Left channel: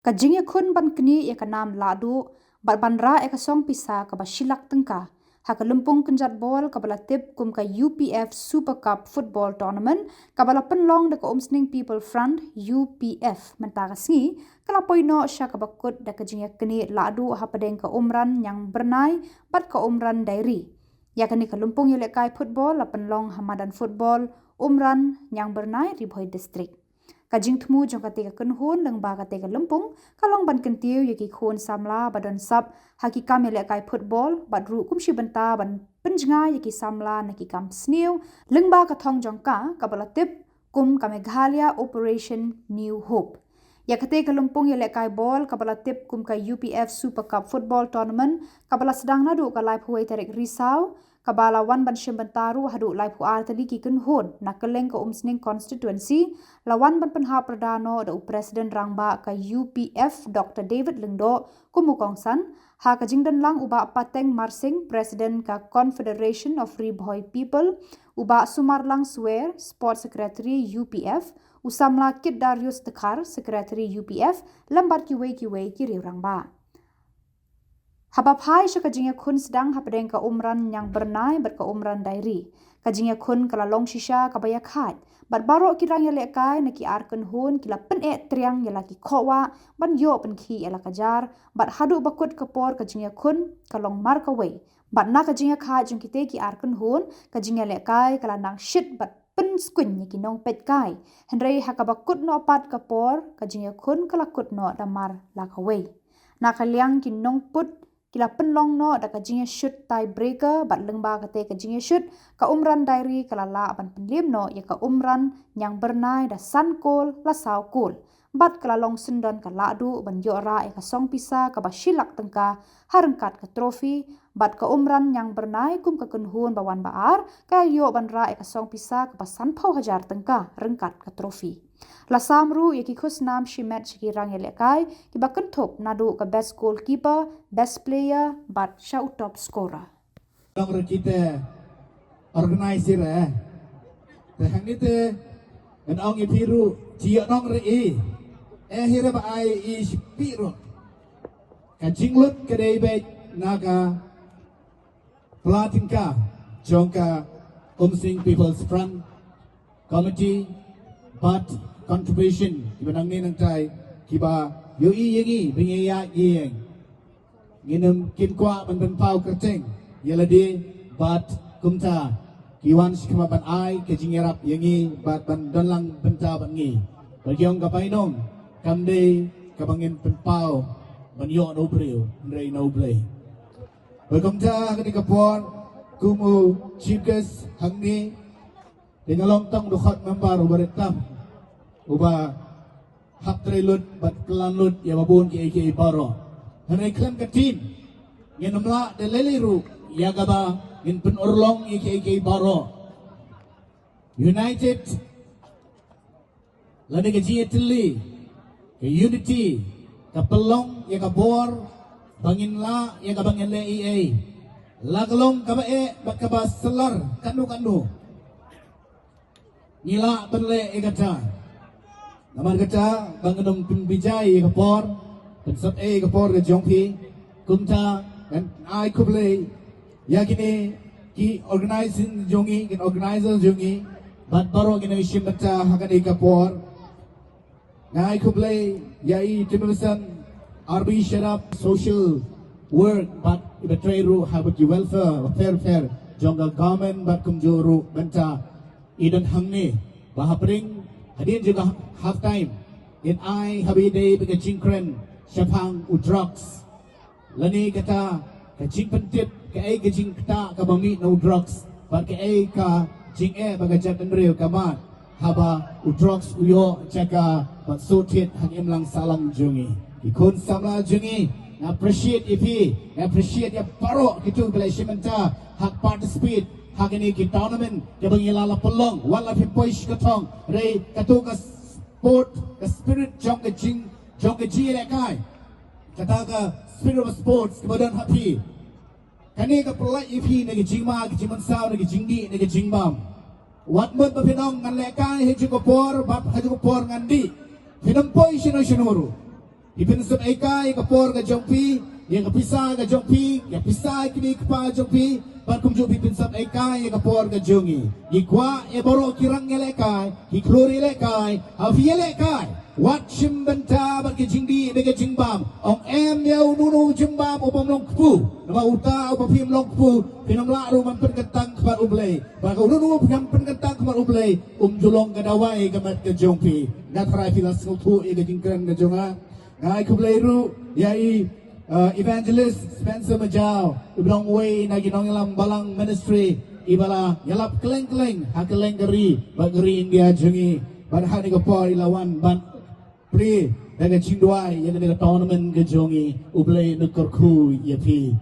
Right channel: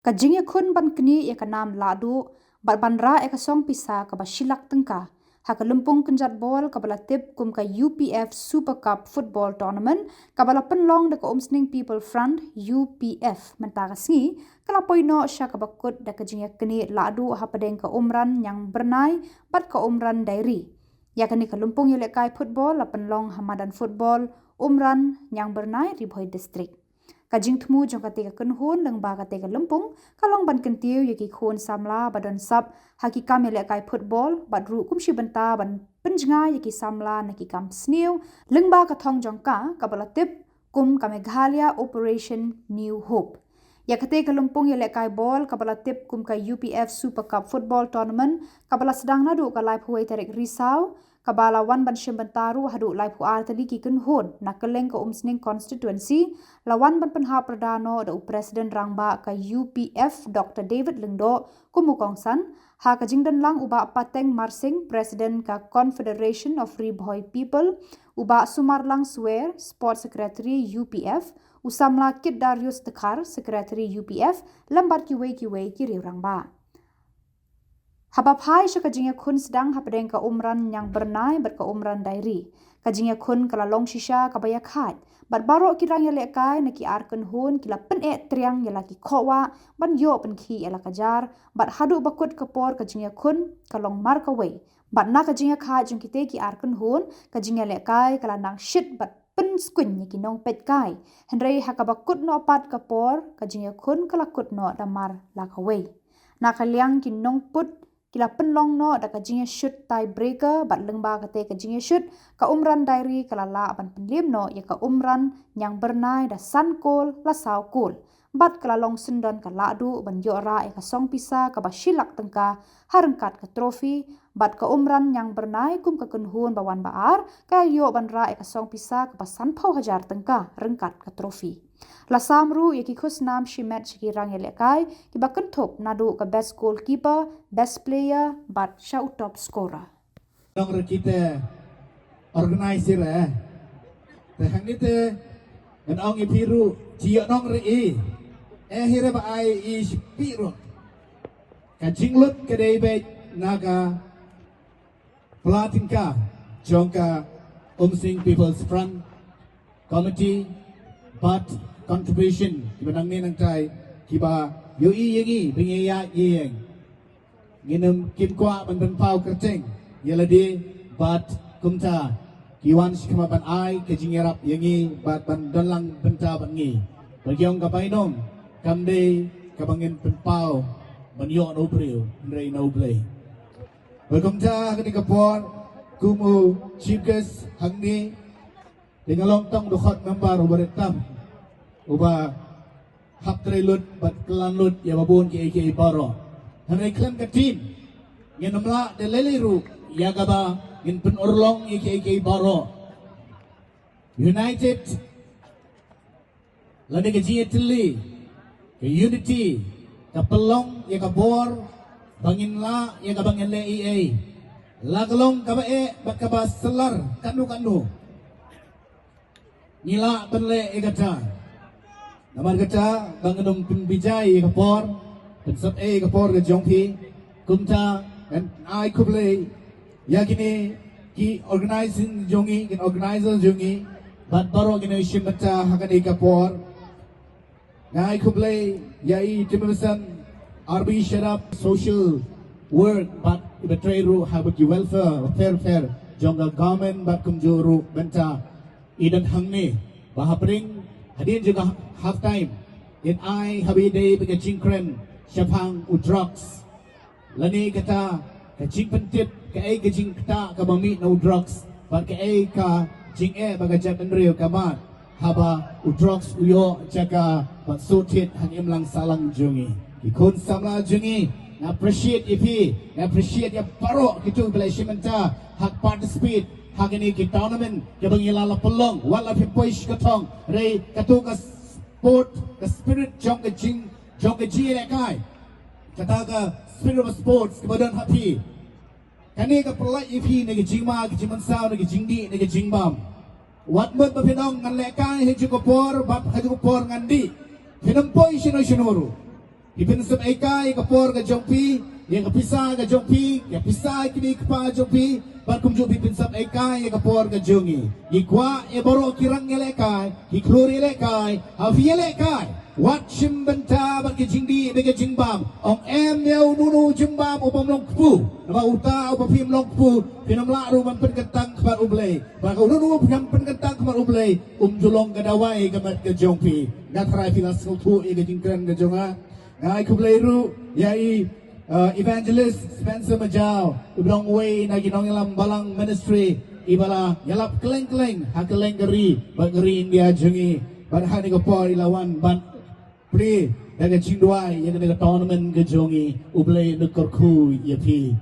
Kajingnya kun ban kini ya kanam Lahduh bat bandra ya kasong pisa ka ba Shillong tengka. Haka Lympung kenjat bol ka bala tip kum ka UPF Super Cup Football Tournament ka bala penlong de ka Umsning People Front UPF mentaka sngi kala poino sya ka bakut da kajingnya kini Lahduh ha padeng ka Umran yang bernai bat ka Umran Diary. Ya kini ka Lympung ya lekai Phutbol la penlong Hamadan Football Umran yang bernai Ribhoi District. Kajing temu jong katika kenhun leng ba katika Lympung kalong ban kentiu yaki khun Samla badan sab haki kam ya lekai Phutbol bat ru kumshi benta ban penjenga yaki Samla naki kam sniu leng ba kathong jong ka kabalatip kum ka Meghalaya Operation New Hope. Ya katika Lympung ya lekai bol kabalatip kum ka UPF Super Cup Football Tournament kabala sedang nadu ka live huai tarik risau kabala wan ban shembentaru hadu live huar tali ki kenhun na keleng ka Umsning constituency lawan ban penha perdano da presiden rangba ka UPF Dr. David Lengdo kumukongsan ha ka jingdan lang uba pateng marsing presiden ka Confederation of Ribhoi People uba Sumarlang Swear sport secretary UPF usamla Kit Darius Tekar secretary UPF lambat kiwe kiri rangba. Habapai sya kajingnya kun sedang hapadeng ka Umran yang bernai ber ka Umran Diary. Kajingnya kun kala long shisha kabaya khat. Bat baro kirang ya lekai na ki arken hun kila pen triang ya laki kowa ban yo pen ki ya kajar bat hadu bakut kapor kajingnya kun kalong marka way. Bat na kajingnya khat jung kite ki arken hun kajingnya lekai kala nang shit bat pen skun ya ki nong pet kai. Henry hakabakut no pat kapor kajingnya kun kala kut no damar lakaway. Na kaliang ki nong put kila penlong no da kajingnya shoot tiebreaker bat lengba kate kajingnya shoot ka Umran Diary kala la ban penlim no ya ka Umran yang bernai da sankol la saukol bat kala long sendon ka Lahduh ban yora ya ka song pisa ka ba Shillong tengka harengkat ka trofi bat ka Umran yang bernai kum ka kenhun bawan baar ka yo ban ra ya ka song pisa ka ba sanpau hajar tengka rengkat ka trofi. La samru yaki khusnam shimet shikirang yelekai kiba kenthop nadu ka best goalkeeper, best player, but shout top scorer. Nong kita organizer tahang ni te nong ipiru jia nong re hira ba ai ispiru kajinglut kedai baik naga pelatinka jongka Umsning People's Front Committee but contribution kiba nang ni nang try kiba yoi yangi bingya yeng nginum kim kwa man ban pau kerceng yeladi but kumta kiwan shikama bat ai kejingerap yangi bat ban donlang benta bat ngi bagyong kapainom kamde kabangin ban pau man yo no bril ndai no play kumta ketika pon kumu chikes hangni dengan longtong dokhat member berentam uba hak trelut bat kelanut ya babun ki baro hari klan katin yang namla de leleru ya gaba in pen orlong ki baro united lani ke jietli ke unity ka pelong ya ka bor bangin la ya ka bangin le la galong ka ba bat ka ba selar kanu nila penle igata naman kata bangunum pimbijai kapor sab kapor ke jongki kumta and I kuble yakini ki organizing jongi kin organizer jongi bat baro gina shimbata hakani kapor nai kuble yai timulisan RB sharap social work but betray ru habit welfare fair jonga government bat kumjuru benta idan hangni bahapring hadin juga half time in I habide bega cingkren syapang u drugs lani kata ka cing pentip ka ai ka cing kata ka bami no drugs but ka ai ka cing baga jat nreu ka ba haba u drugs yo jaka but so tit hangim lang salang jungi ikon samla jungi appreciate appreciate ya baro kitu belai shimenta hak participate hagani ki tournament jabang ilala pelong wala pipoish katong re katuka sport the spirit jong ke ji lekai kata ka spirit of sports kemudian hati kani ka pelai ipi negi jingma ke jiman sao negi jingdi negi jingbam wat mut pinong ngan lekai he jukopor bab ha jukopor ngandi pinong poi shino Ipin ekai kapor ke jongpi, yang kepisah ke jongpi, yang pisah kini kepa jongpi, bakum jongpi pinsam ekai kapor ke jongi. Ikwa boro kirang elekai, iklori elekai, afi elekai. Wat shimbenta bagi jingdi bagi jingbam. Ong yau nunu jimbam upam long kupu. Nama uta upam pim long kupu. Pinam lalu mampen ketang kepat ublay. Bagi nunu yang penketang kepat ublay. Julong kedawai kepat ke jongpi. Ngatrai filas kutu ika jingkran ke jonga. Ngai kubleiru yai evangelist Spencer Majau ubrong way na ginong ilang balang ministry ibala yalap keleng-keleng hakeleng geri bageri India jengi barhani kapor ilawan ban pri dan cindwai yang ada tournament ke jongi ublei nukorku yapi.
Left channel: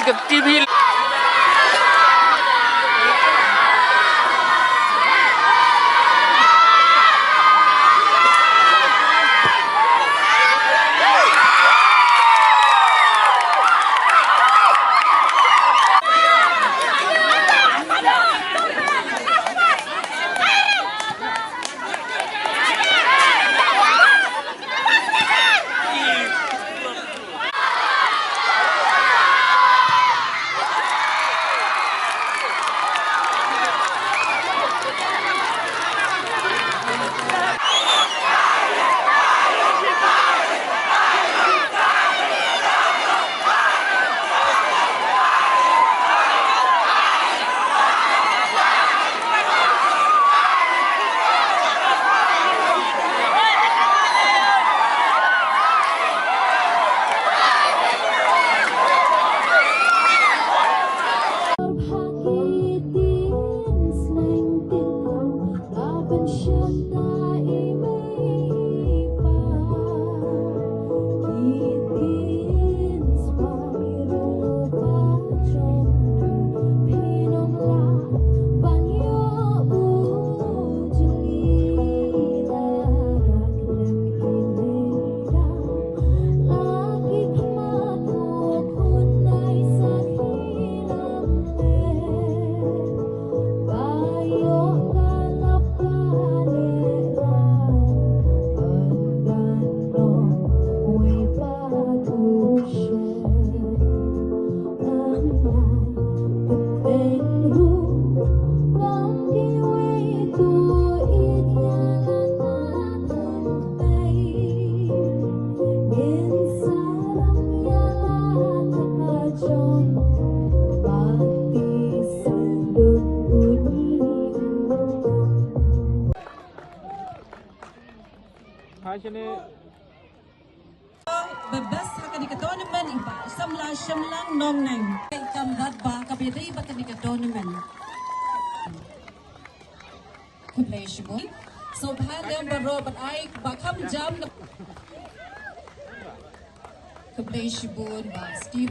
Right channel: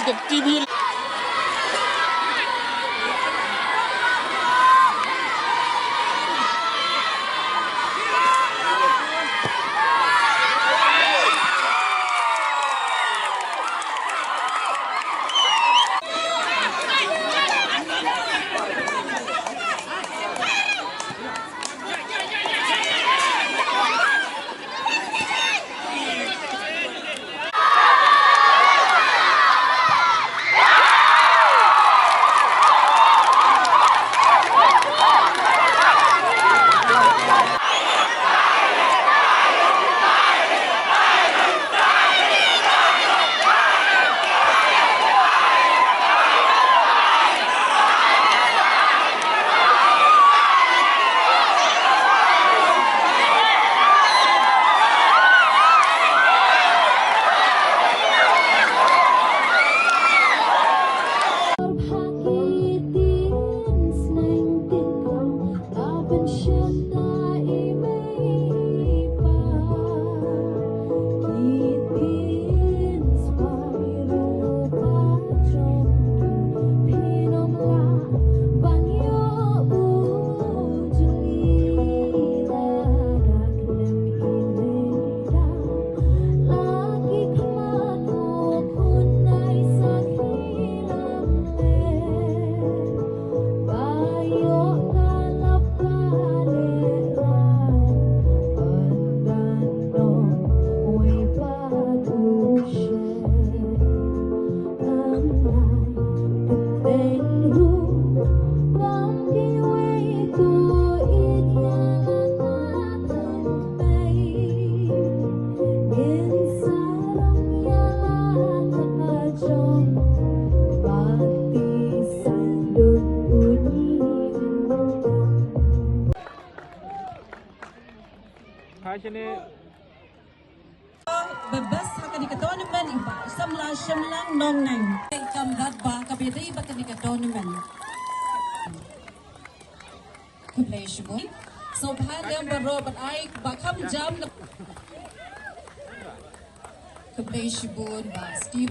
นกับทีวีbebas Haka di tournament iba Samla Shillong nong nang kamdat ba kabiri ba di tournament play Khubor so bhan dem baro but I ba kham jam play Khubor ba Steve